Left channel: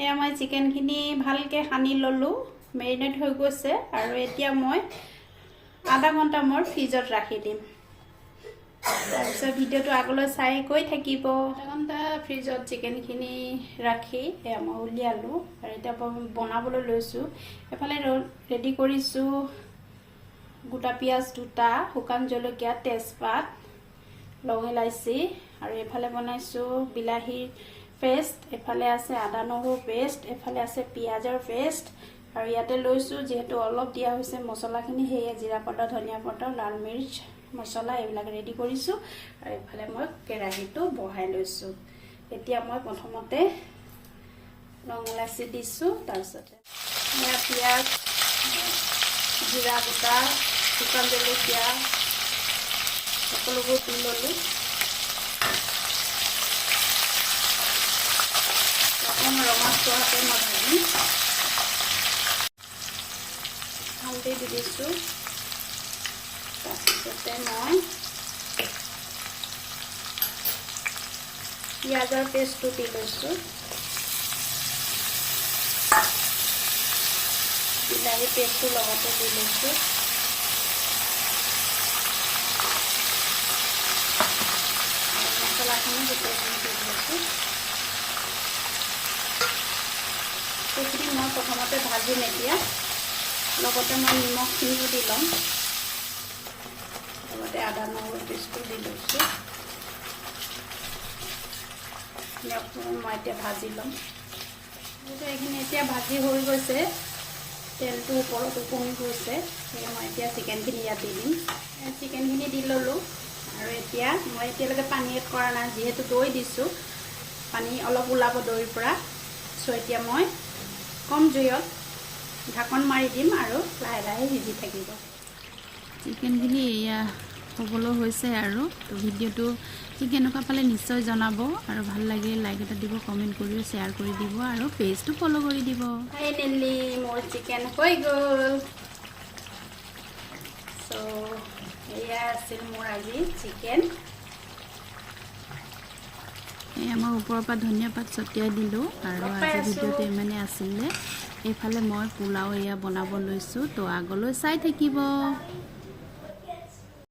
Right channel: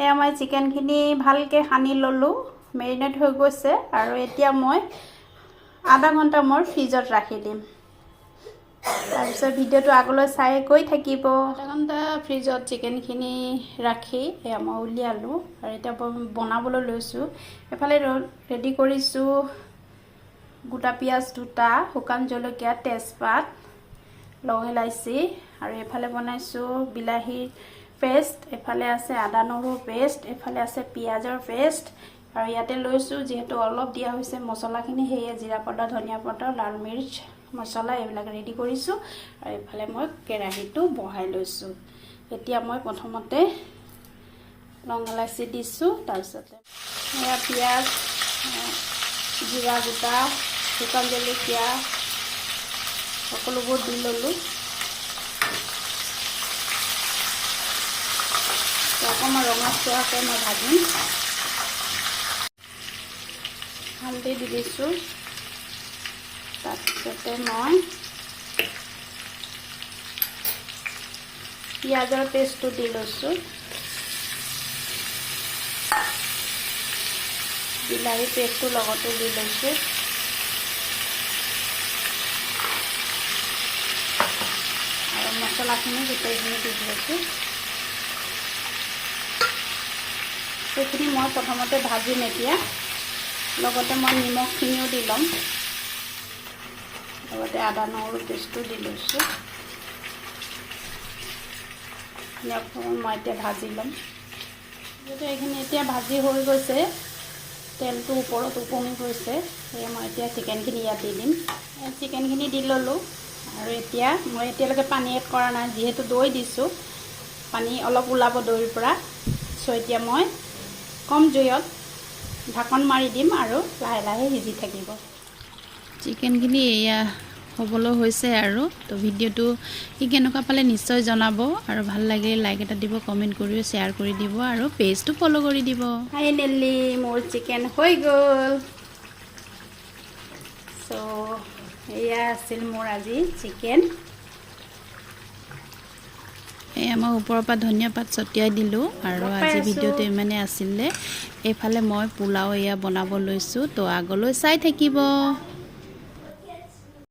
এয়া মই চিকেনখিনি ভালকৈ সানি ল'লোঁ, মেৰিনেট হৈ গৈছে আৰু এতিয়া মই আধা ঘণ্টা মই ফ্ৰিজত ৰাখি দিম। তাৰপিছত ভিডিঅ'টো আগলৈ চাই গৈ থাকিব। আধা ঘণ্টা ফ্ৰিজত চিকেনখিনি ৰাখি এয়া মই উলিয়ালোঁ আৰু এতিয়া বনাবলৈ লৈছোঁ। এফালে ৰেডি কৰিছোঁ গোটা পিঁয়াজ 2টা, শুকান জলকীয়া, তেজপাত, লং ইলাচি আৰু এইফালে বনাইছোঁ বিলাহীৰ পেষ্ট, এফালে আছে আদা নহৰু পেষ্ট, এফালে আছে পিঁয়াজৰ পেষ্ট আৰু ইয়াতে লৈছোঁ যিহেতু অলপ দিয়া হৈছে মছলাখিনি, সেয়ে জিৰা পাউডাৰ, ধনিয়া পাউডাৰ, লাল মিৰ্চ মছলা এইবিলাক ৰেডি কৰিছোঁ আৰু এইফালে মই কেৰাহীটো বহাই লৈছোঁ। এতিয়া মই প্ৰথমতে লং ইলাচি দিছোঁ, তাৰপিছতে এয়া পিঁয়াজ, জিৰা গোটা, শুকান জলকীয়া সকলোবোৰ দি ল'লোঁ। অকণমান ৰঙচুৱাকৈ মই ভাজিম। হালধি দি দিছোঁ, তাৰপিছতে মই পিঁয়াজৰ পেষ্টটো দি লৈছোঁ, বিলাহী পেষ্টটো লগতে দি লৈছোঁ আৰু মছলাখিনি গোটেইখিনি দি লৈছোঁ। সেইখিনি মই প্ৰথমতে ভাজিম এতিয়া, লগতে মই নিমখখিনিও দি ল'ম, লগতে আদা নহৰু পেষ্টটো দি লৈছোঁ। মই এতিয়া ভাজি ল'ম। গতিকে এইখিনি এতিয়া ভাজি হৈ গৈছে, তেলটো ওপৰত উপঙি গৈছে, সেয়ে মই এতিয়া চিকেনখিনি ইয়াত দি দিম। চিকেনখিনি দি ল'লোঁ আৰু এতিয়া মই এতিয়ালৈকে পানী এড কৰা নাই, যিহেতু দৈ দিছোঁ, পানী অলপ ওলাব দৈৰ পৰা। চ' এতিয়া মই কম জুইত ঢাকন মাৰি দিম আৰু লাহে লাহে সিজি থাকিব। চিকেনখিনি এয়া হ'বলৈ হৈছে আৰু তো ভিডিঅ'টো কি কেনেকুৱা পালে নিশ্চয় জনাব আৰু ভাল লাগিলে লাইক এটা দিব, কমেণ্ট কৰিও শ্বেয়াৰ কৰি দিব আৰু পেজটো ফ'ল' কৰি দিব। ফাইনেলি মোৰ চিকেন হৈ গ'ল। চ' এয়া আছিল মোৰ আজি চিকেন। এয়া মই ওপৰৰ পৰা ধনিয়া পাত ছটিয়াই দিলোঁ আৰু আজি ভিডিঅ'টো ইমানে আছিলে। এইফালে মই পোলাও এয়া বনাব লৈছোঁ, তো আগলৈ চাই থাকিব।